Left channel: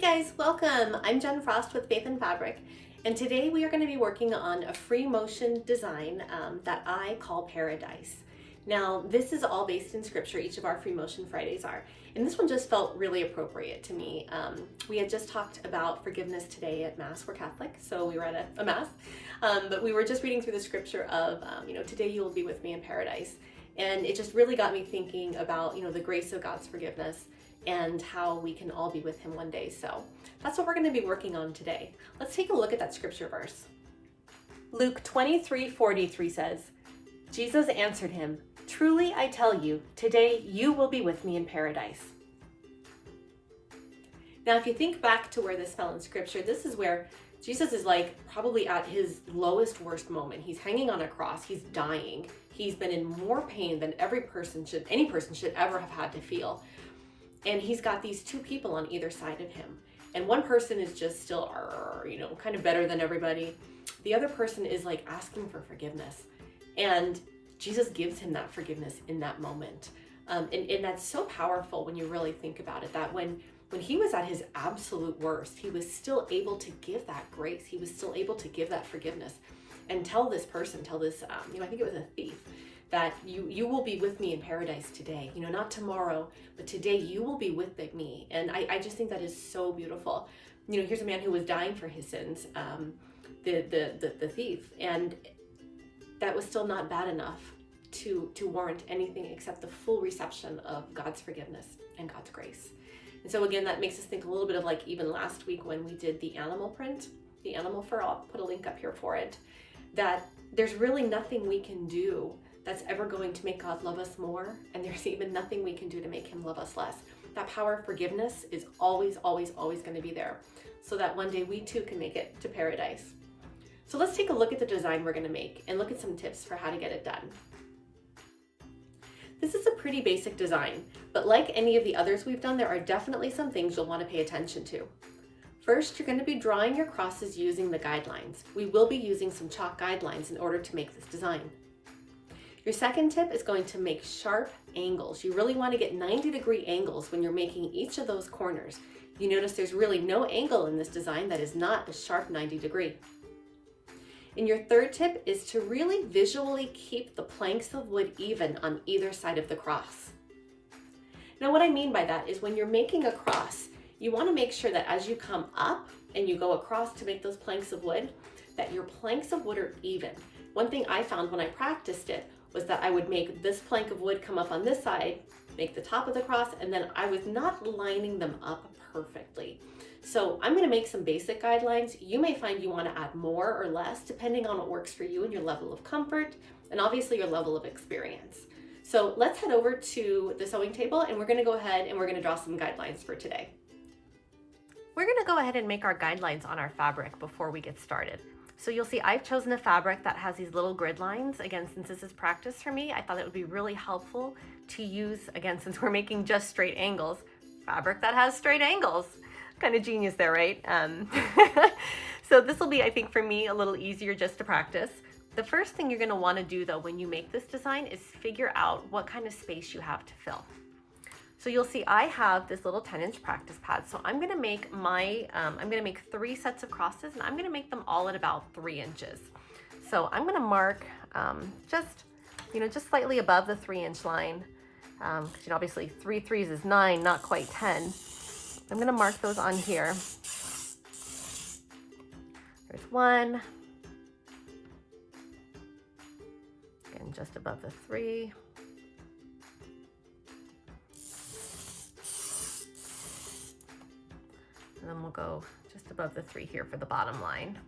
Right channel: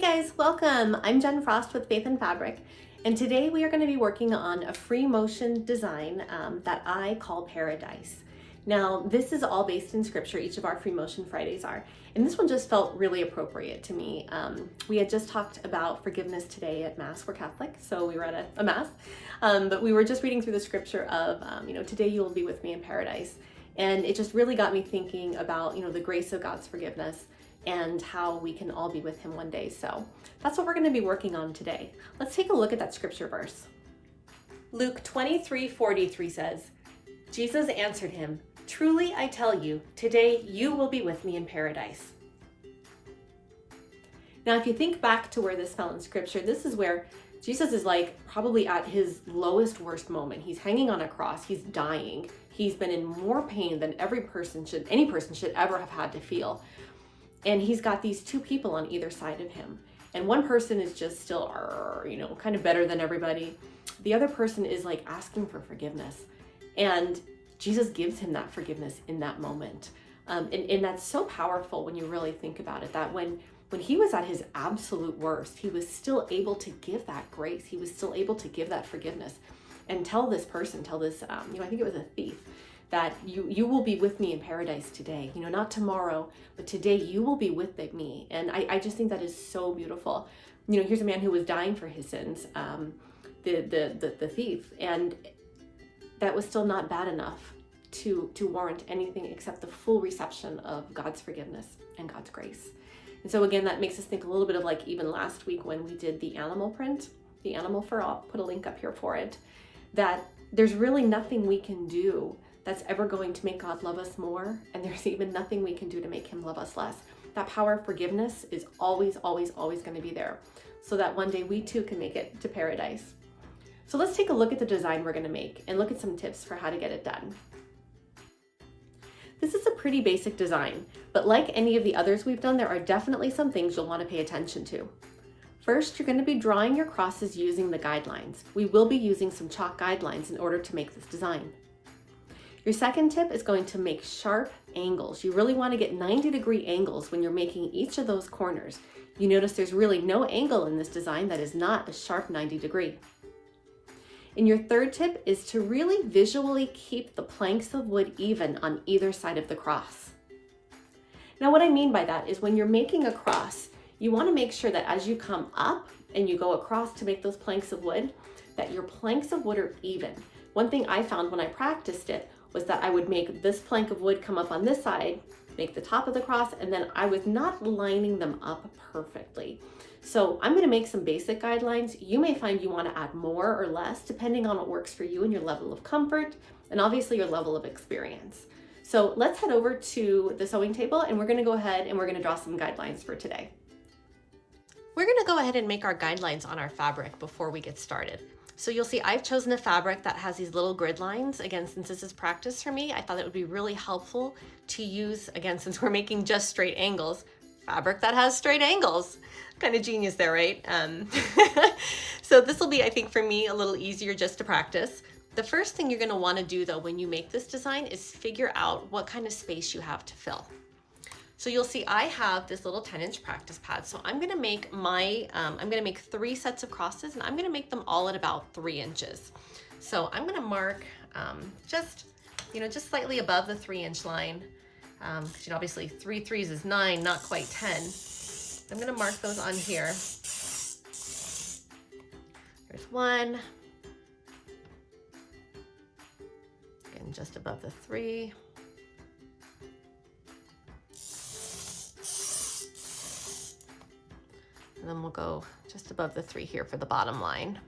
Guys, welcome. I'm Jen Frost with Faith and Fabric, and today we are going to be working on a free motion design that I call Paradise. Now, this is all based in scripture. Each of our free motion Fridays are, and this one just felt really appropriate to me. We had just talked about forgiveness today at Mass. We're Catholic, so we were at a Mass, but we were just reading through the scripture of, today you will be with me in paradise. And it just really got me thinking about, the grace of God's forgiveness and how we can all be with him one day. So that's what we're going to be working on today. Let's take a look at that scripture verse. Luke 23:43 says, Jesus answered him, "Truly I tell you, today you will be with me in paradise." Now, if you think back to where this fell in scripture, this is where Jesus is probably at his lowest, worst moment. He's hanging on a cross. He's dying. He's been in more pain than any person should ever have had to feel. And he's got these two people on either side of him. And one person is just still, kind of better than everybody. The other person is asking for forgiveness. And Jesus gives him that forgiveness in that moment. And that's so powerful when you really think about it, that when he was at his absolute worst, he was still able to give that grace. He was still able to give that forgiveness and tell this, I think it was a thief, that you will be with me in paradise today, not tomorrow, but today you will be with me. And I just think that is so beautiful. Here's a man who was dying for his sins, the thief, and that was still not bad enough to warrant anything except the full reception of God's forgiveness and God's grace. And so again, that makes us think a little bit of even last week when we did the animal print, the animal fur. I'll put a link up here for it, that there's really nothing we can do that's ever going to make God love us more, and there's even nothing we can do to make him love us less. That power of forgiveness is always, always, always going to be there, so that one day we too can make it to paradise. So let's take a look at the design we're going to make and look at some tips for how to get it done. This is a pretty basic design, but like any of the others we've done, there are definitely some things you'll want to pay attention to. First, you're going to be drawing your crosses using the guidelines. We will be using some chalk guidelines in order to make this design. Your second tip is going to make sharp angles. You really want to get 90-degree angles when you're making each of those corners. You notice there's really no angle in this design that is not a sharp 90-degree. And your third tip is to really visually keep the planks of wood even on either side of the cross. Now, what I mean by that is when you're making a cross, you want to make sure that as you come up and you go across to make those planks of wood, that your planks of wood are even. One thing I found when I practiced it was that I would make this plank of wood come up on this side, make the top of the cross, and then I was not lining them up perfectly. So I'm going to make some basic guidelines. You may find you want to add more or less depending on what works for you and your level of comfort, and obviously your level of experience. So let's head over to the sewing table, and we're going to go ahead and we're going to draw some guidelines for today. We're going to go ahead and make our guidelines on our fabric before we get started. So you'll see I've chosen a fabric that has these little grid lines. Again, since this is practice for me, I thought it would be really helpful to use, again, since we're making just straight angles, fabric that has straight angles. Kind of genius there, right? So this will be, I think, for me, a little easier just to practice. The first thing you're going to want to do, though, when you make this design is figure out what kind of space you have to fill. So you'll see I have this little 10-inch practice pad. So I'm going to make I'm going to make 3 sets of crosses, and I'm going to make them all at about 3 inches. So I'm going to mark just slightly above the 3-inch line. Because obviously 3 3s is 9, not quite 10. I'm going to mark those on here. There's 1. Again, just above the 3. And then we'll go just above the 3 here for the bottom line.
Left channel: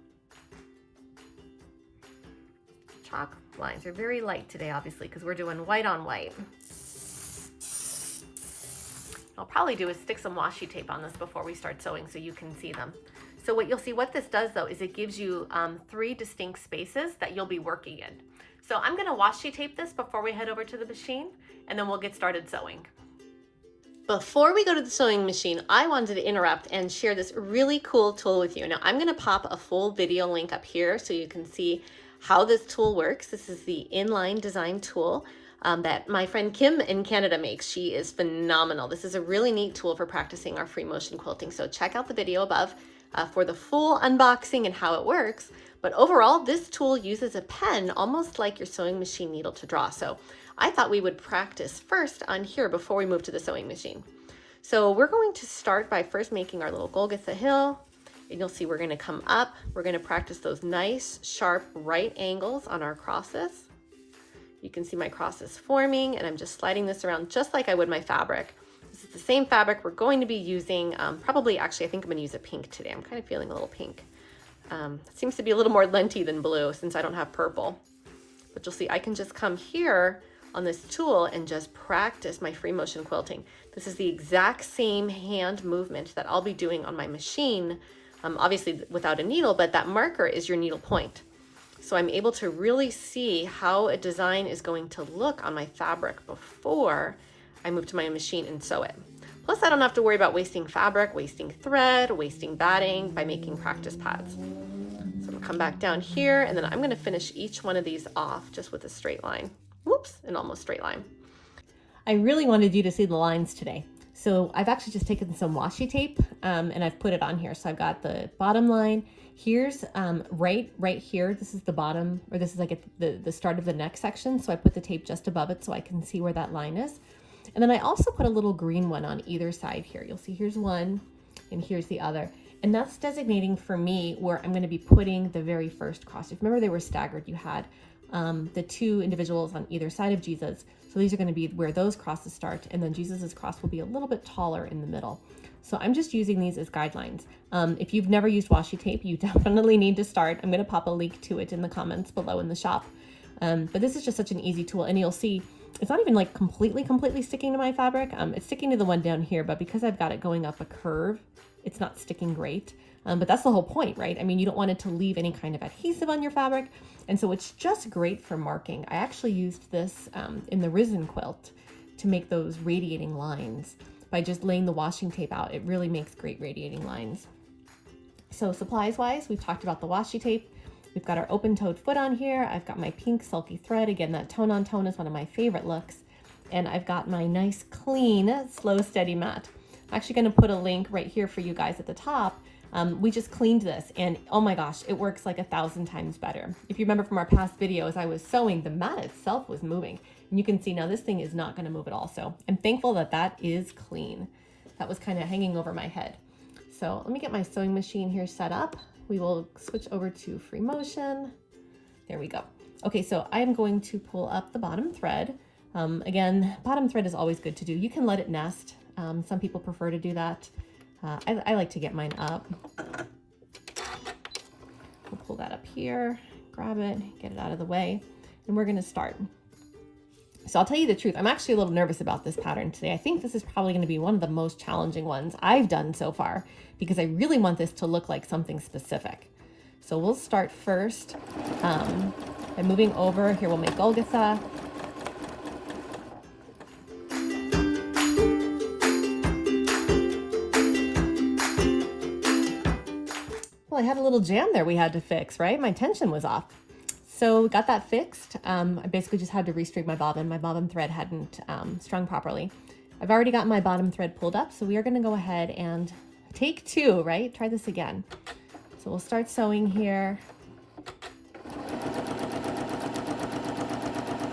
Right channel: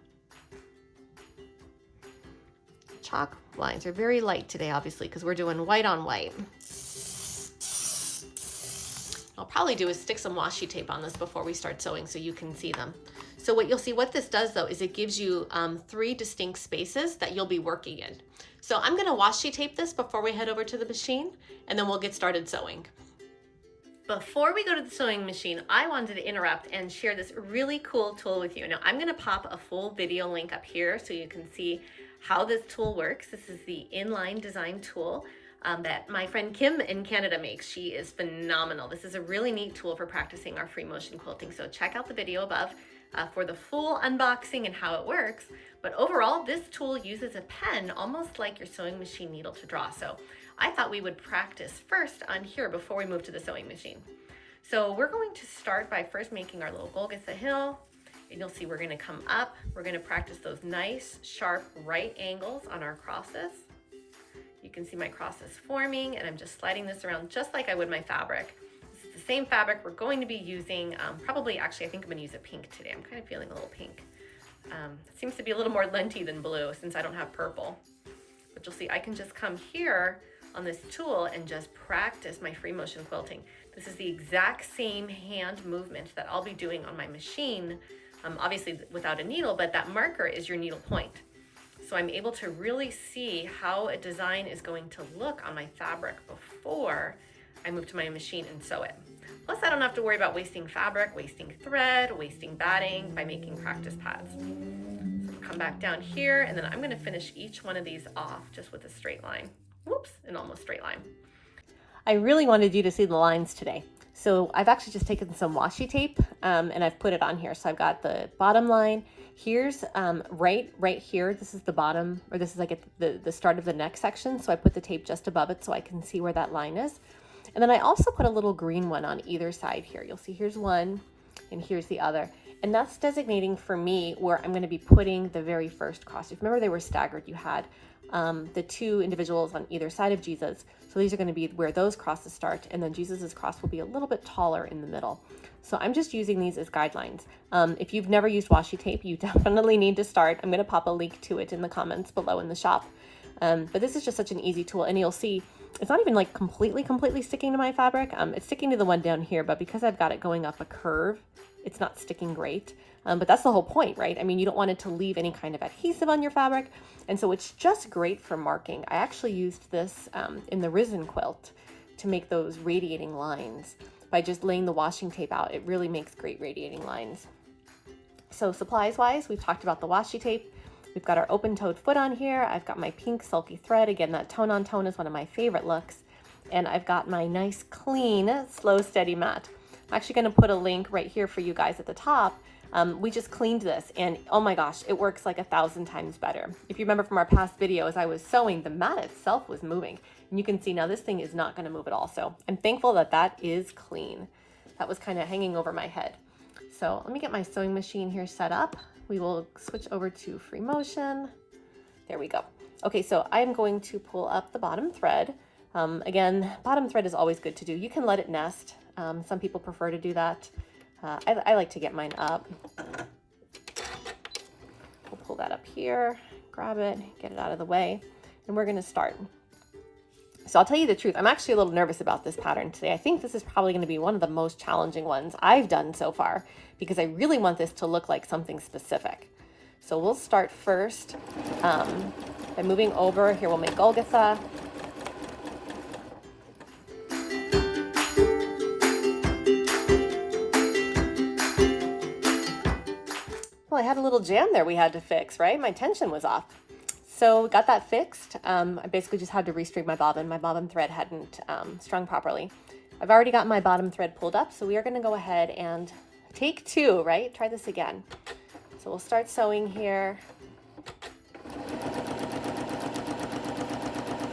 Chalk lines are very light today, obviously, because we're doing white on white. I'll probably do is stick some washi tape on this before we start sewing so you can see them. So what you'll see, what this does though, is it gives you 3 distinct spaces that you'll be working in. So I'm going to washi tape this before we head over to the machine, and then we'll get started sewing. Before we go to the sewing machine, I wanted to interrupt and share this really cool tool with you. Now I'm going to pop a full video link up here so you can see how this tool works. This is the inline design tool. that my friend Kim in Canada makes. She is phenomenal. This is a really neat tool for practicing our free motion quilting. So check out the video above for the full unboxing and how it works. But overall, this tool uses a pen almost like your sewing machine needle to draw. So I thought we would practice first on here before we move to the sewing machine. So we're going to start by first making our little Golgotha hill. And you'll see we're going to come up. We're going to practice those nice, sharp right angles on our crosses. You can see my crosses forming, and I'm just sliding this around just like I would my fabric. This is the same fabric we're going to be using. Probably, actually, I think I'm going to use a pink today. I'm kind of feeling a little pink. It seems to be a little more linty than blue since I don't have purple. But you'll see I can just come here on this tool and just practice my free motion quilting. This is the exact same hand movement that I'll be doing on my machine, obviously without a needle, but that marker is your needle point. So I'm able to really see how a design is going to look on my fabric before I move to my machine and sew it. Plus, I don't have to worry about wasting fabric, wasting thread, wasting batting by making practice pads. So I'm gonna come back down here, and then I'm gonna finish each one of these off just with a straight line. Whoops, an almost straight line. I really wanted you to see the lines today. So I've actually just taken some washi tape and I've put it on here. So I've got the bottom line. Here's right here. This is the bottom, or this is like the start of the neck section. So I put the tape just above it so I can see where that line is. And then I also put a little green one on either side here. You'll see here's one and here's the other. And that's designating for me where I'm going to be putting the very first cross. If you remember, they were staggered. You had the two individuals on either side of Jesus. So these are going to be where those crosses start, and then Jesus's cross will be a little bit taller in the middle. So I'm just using these as guidelines. If you've never used washi tape, you definitely need to start. I'm going to pop a link to it in the comments below in the shop. But this is just such an easy tool, and you'll see it's not even like completely sticking to my fabric. It's sticking to the one down here, but because I've got it going up a curve, it's not sticking great. But that's the whole point, right? I mean, you don't want it to leave any kind of adhesive on your fabric. And so it's just great for marking. I actually used this in the Risen quilt to make those radiating lines by just laying the washing tape out. It really makes great radiating lines. So supplies wise, we've talked about the washi tape. We've got our open-toed foot on here. I've got my pink sulky thread. Again, that tone on tone is one of my favorite looks. And I've got my nice, clean, slow, steady mat. I'm actually gonna put a link right here for you guys at the top. We just cleaned this, and oh my gosh, it works like 1,000 times better. If you remember from our past video, as I was sewing, the mat itself was moving. And you can see now this thing is not gonna move at all. So I'm thankful that that is clean. That was kind of hanging over my head. So let me get my sewing machine here set up. We will switch over to free motion. There we go. Okay, so I'm going to pull up the bottom thread. Again, bottom thread is always good to do. You can let it nest. Some people prefer to do that. I like to get mine up. We'll pull that up here, grab it, get it out of the way, and we're gonna start. So I'll tell you the truth, I'm actually a little nervous about this pattern today. I think this is probably gonna be one of the most challenging ones I've done so far because I really want this to look like something specific. So we'll start first by moving over. Here we'll make Golgotha. Well, I had a little jam there we had to fix, right? My tension was off. So got that fixed. I basically just had to restring my bobbin. My bobbin thread hadn't strung properly. I've already got my bottom thread pulled up, so we are gonna go ahead and take two, right? Try this again. So we'll start sewing here. I'm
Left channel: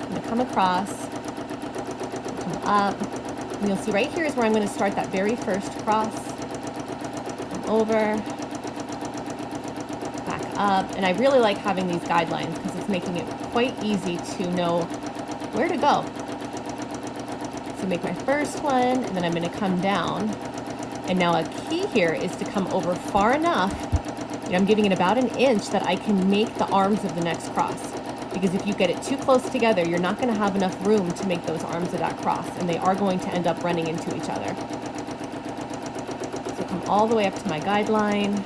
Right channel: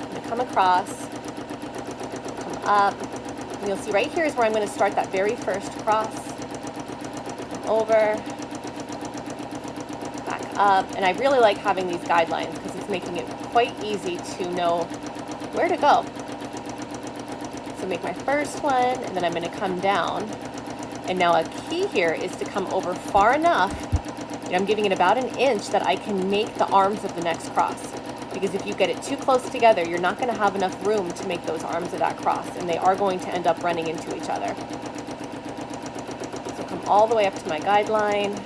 gonna come across, come up, and you'll see right here is where I'm gonna start that very first cross, over, up, and I really like having these guidelines because it's making it quite easy to know where to go. So make my first one, and then I'm going to come down. And now a key here is to come over far enough, and I'm giving it about 1 inch that I can make the arms of the next cross. Because if you get it too close together, you're not going to have enough room to make those arms of that cross, and they are going to end up running into each other. So come all the way up to my guideline.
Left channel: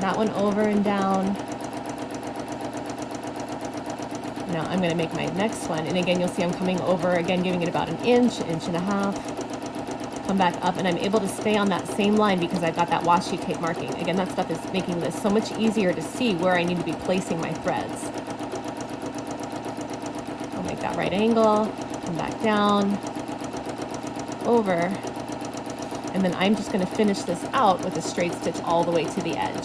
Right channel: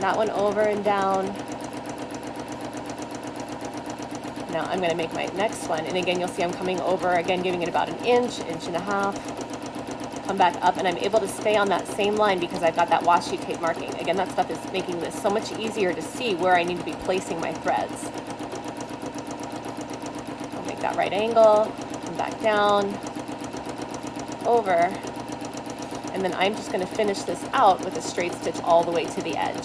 That one over and down. Now I'm going to make my next one, and again you'll see I'm coming over, again giving it about 1 inch, 1.5 inches. Come back up, and I'm able to stay on that same line because I've got that washi tape marking. Again, that stuff is making this so much easier to see where I need to be placing my threads. right angle, come back down, over, and then I'm just going to finish this out with a straight stitch all the way to the edge.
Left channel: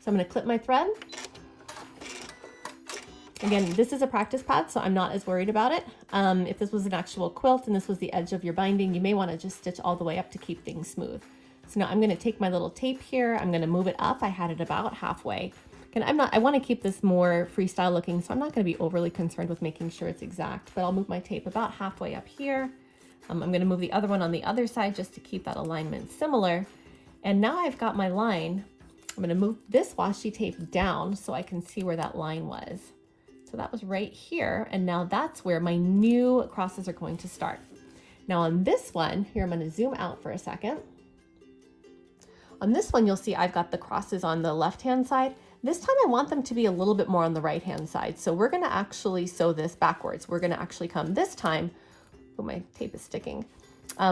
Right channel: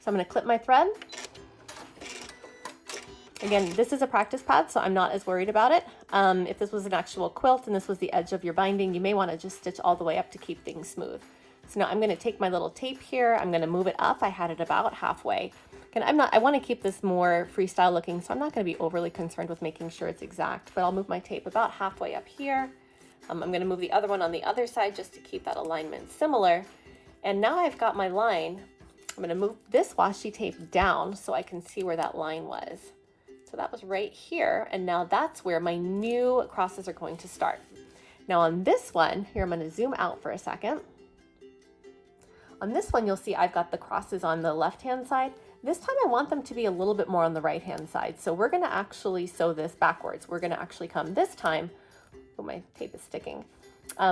So I'm going to clip my thread. Again, this is a practice pad, so I'm not as worried about it. If this was an actual quilt and this was the edge of your binding, you may want to just stitch all the way up to keep things smooth. So now I'm going to take my little tape here. I'm going to move it up. I had it about halfway. And I want to keep this more freestyle looking, so I'm not going to be overly concerned with making sure it's exact, but I'll move my tape about halfway up here. I'm going to move the other one on the other side just to keep that alignment similar. And now I've got my line. I'm going to move this washi tape down so I can see where that line was. So that was right here, and now that's where my new crosses are going to start. Now on this one, here I'm going to zoom out for a second. On this one, you'll see I've got the crosses on the left-hand side. This time I want them to be a little bit more on the right-hand side. So we're going to actually sew this backwards. We're going to actually come this time, oh, my tape is sticking.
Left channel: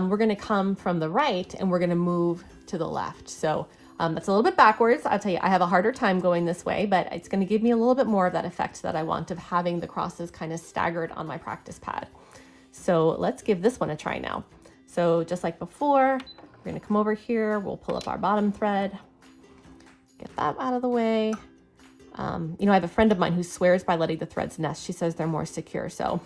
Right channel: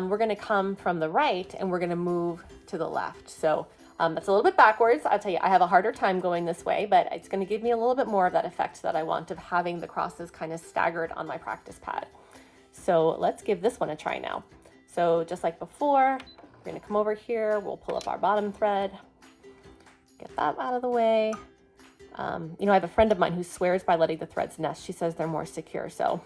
We're going to come from the right and we're going to move to the left. So it's a little bit backwards. I'll tell you, I have a harder time going this way, but it's going to give me a little bit more of that effect that I want of having the crosses kind of staggered on my practice pad. So let's give this one a try now. So just like before, we're going to come over here. We'll pull up our bottom thread, get that out of the way. You know, I have a friend of mine who swears by letting the threads nest. She says they're more secure. So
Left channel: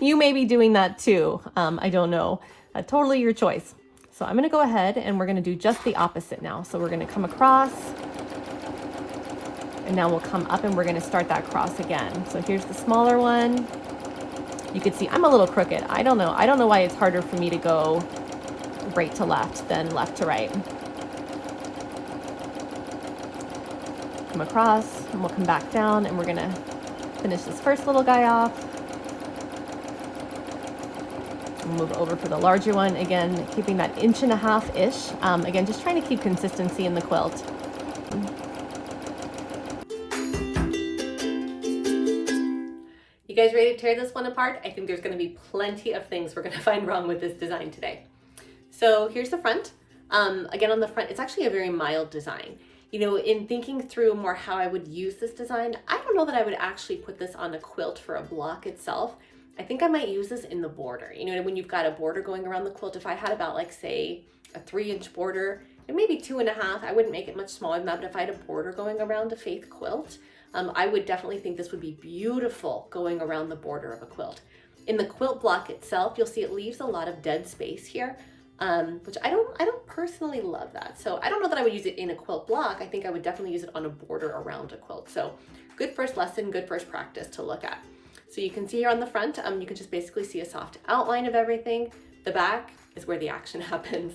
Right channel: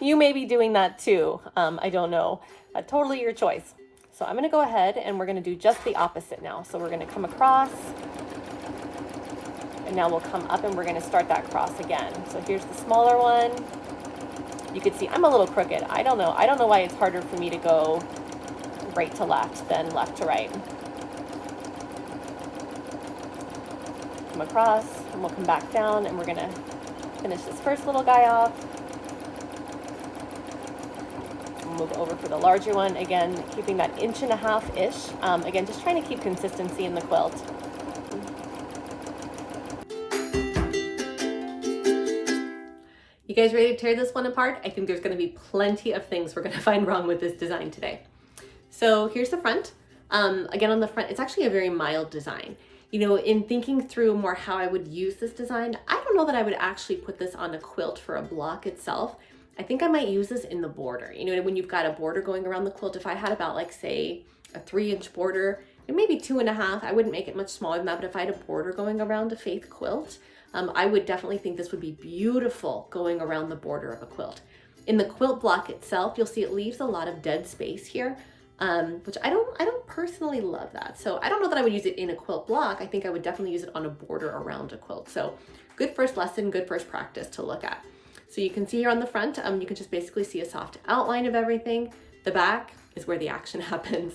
you may be doing that too. I don't know. Totally your choice. So I'm going to go ahead and we're going to do just the opposite now. So we're going to come across and now we'll come up and we're going to start that cross again. So here's the smaller one. You can see I'm a little crooked. I don't know why it's harder for me to go right to left than left to right. Come across and we'll come back down and we're going to finish this first little guy off. Move over for the larger one, again keeping that 1.5 inch. Again, just trying to keep consistency in the quilt. You guys ready to tear this one apart? I think there's going to be plenty of things we're going to find wrong with this design today. So here's the front. Again, on the front, it's actually a very mild design. You know, in thinking through more how I would use this design, I don't know that I would actually put this on a quilt for a block itself. I think I might use this in the border. You know, when you've got a border going around the quilt, if I had about like say a 3-inch border, and maybe 2.5, I wouldn't make it much smaller than that, but if I had a border going around a faith quilt, I would definitely think this would be beautiful going around the border of a quilt. In the quilt block itself, you'll see it leaves a lot of dead space here, which I don't personally love that. So I don't know that I would use it in a quilt block. I think I would definitely use it on a border around a quilt. So good first lesson, good first practice to look at. So you can see here on the front, you can just basically see a soft outline of everything. The back is where the action happens.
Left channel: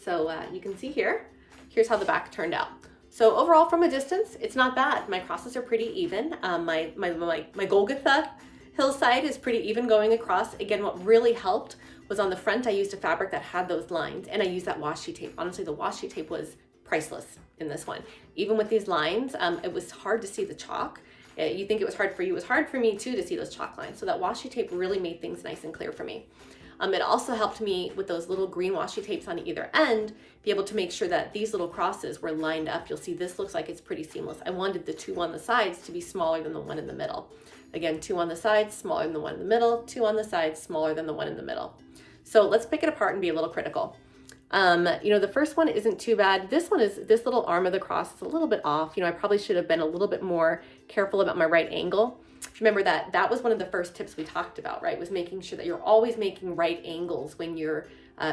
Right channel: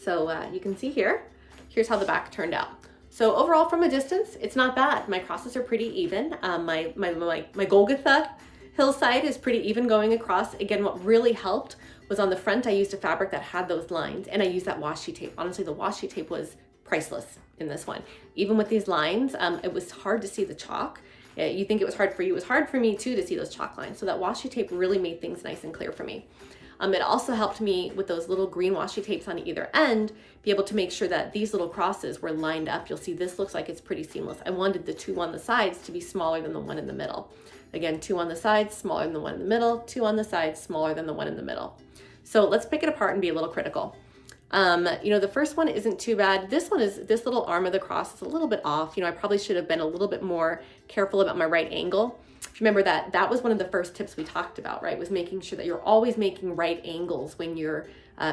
So you can see here's how the back turned out. So overall from a distance, it's not bad. My crosses are pretty even. My Golgotha hillside is pretty even going across. Again, what really helped was on the front, I used a fabric that had those lines and I used that washi tape. Honestly, the washi tape was priceless in this one. Even with these lines, it was hard to see the chalk. You think it was hard for you. It was hard for me too to see those chalk lines. So that washi tape really made things nice and clear for me. It also helped me with those little green washi tapes on either end, be able to make sure that these little crosses were lined up. You'll see this looks like it's pretty seamless. I wanted the 2 on the sides to be smaller than the 1 in the middle. Again, 2 on the sides, smaller than the 1 in the middle, 2 on the sides, smaller than the 1 in the middle. So let's pick it apart and be a little critical. You know, the first one isn't too bad. This little arm of the cross is a little bit off. You know, I probably should have been a little bit more careful about my right angle. Remember that was one of the first tips we talked about, right? Was making sure that you're always making right angles when you're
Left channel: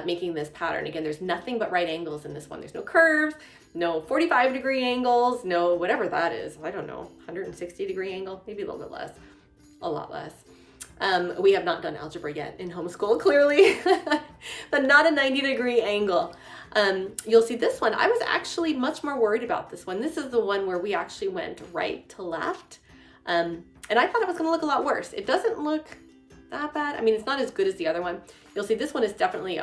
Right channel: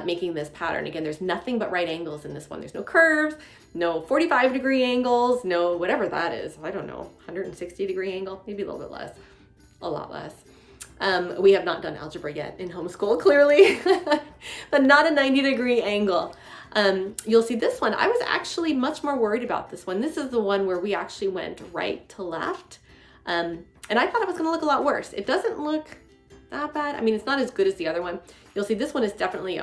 making this pattern. Again, there's nothing but right angles in this one. There's no curves, no 45-degree angles, no whatever that is. I don't know, 160-degree angle, maybe a little bit less, a lot less. We have not done algebra yet in homeschool, clearly, but not a 90-degree angle. You'll see this one. I was actually much more worried about this one. This is the one where we actually went right to left. And I thought it was going to look a lot worse. It doesn't look that bad. I mean, it's not as good as the other one. You'll see this one is definitely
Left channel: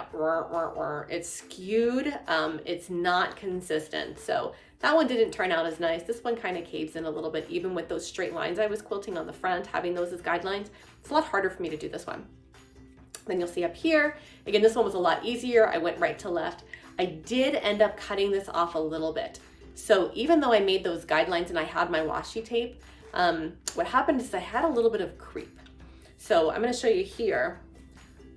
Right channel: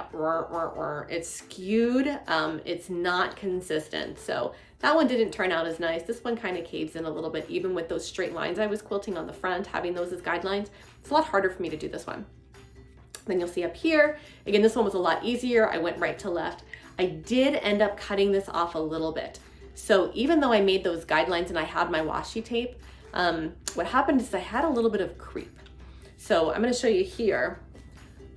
it's skewed. It's not consistent. So that one didn't turn out as nice. This one kind of caves in a little bit, even with those straight lines I was quilting on the front, having those as guidelines. It's a lot harder for me to do this one. Then you'll see up here, again, this one was a lot easier. I went right to left. I did end up cutting this off a little bit. So even though I made those guidelines and I had my washi tape, what happened is I had a little bit of creep. So I'm going to show you here.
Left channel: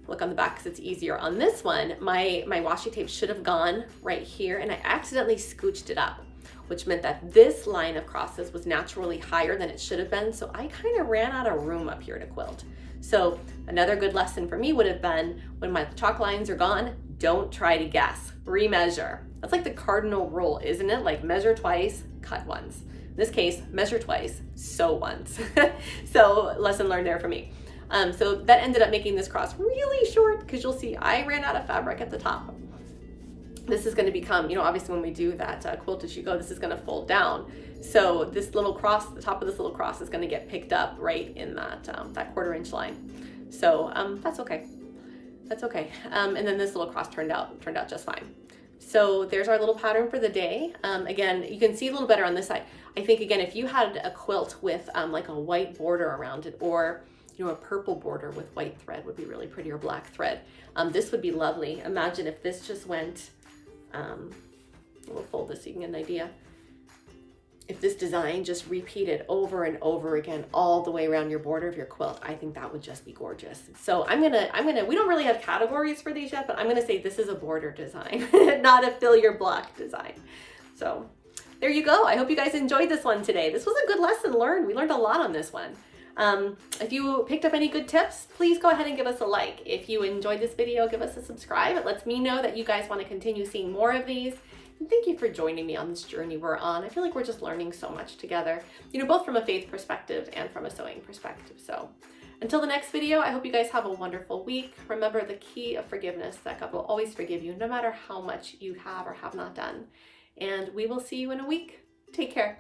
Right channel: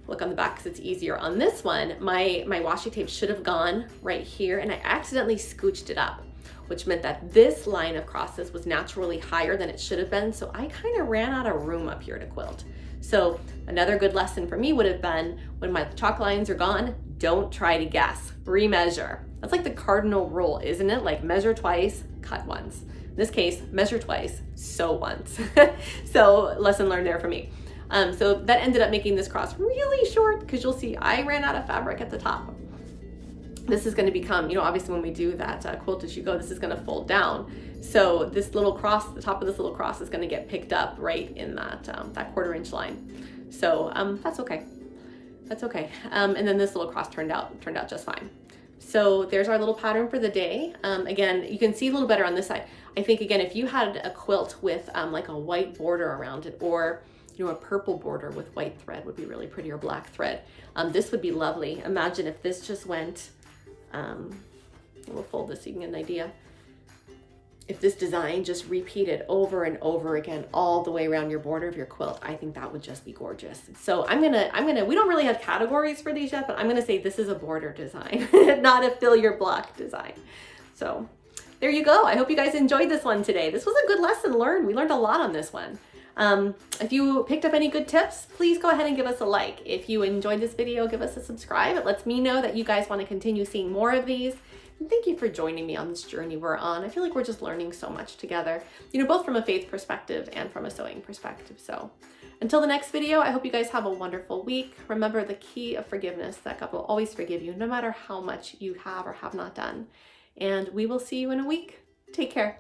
Look on the back because it's easier. On this one, my washi tape should have gone right here, and I accidentally scooched it up, which meant that this line of crosses was naturally higher than it should have been. So I kind of ran out of room up here to quilt. So another good lesson for me would have been, when my chalk lines are gone, don't try to guess, remeasure. That's like the cardinal rule, isn't it? Like measure twice, cut once. In this case, measure twice, sew once. So lesson learned there for me. So that ended up making this cross really short, because you'll see I ran out of fabric at the top. This is going to become, you know, obviously when we do that quilt as you go, this is going to fold down. So this little cross, the top of this little cross is going to get picked up right in that, that 1/4 inch line. So that's okay. That's okay. And then this little cross turned out just fine. So there's our little pattern for the day. Again, you can see a little better on this side. I think, again, if you had a quilt with like a white border around it, or you know, a purple border with white thread would be really pretty, or black thread. This would be lovely. Imagine if this just went, we'll fold this so you can get an idea. If this design just repeated over and over again all the way around your border of your quilt, I think that would just be gorgeous. So I'm gonna, we don't really have categories for these yet, but I'm gonna say this is a border design, not a fill your block design. So there you go. I hope you guys enjoyed this one today. This was a good lesson learned. We learned a lot on this one. If you picked up any good tips, please go ahead and give us a like. If you enjoyed this video, give us a subscribe. It lets me know that you guys want to continue seeing more of these. And thank you for joining me on this journey we're on. I feel like we're just learning so much together, you know, both from a faith perspective and from a sewing perspective. So until the next video, I hope you guys have a wonderful week. Remember the key of forgiveness, that God will always forgive you no matter how much you have or have not done. And we will see you in a week. Take care.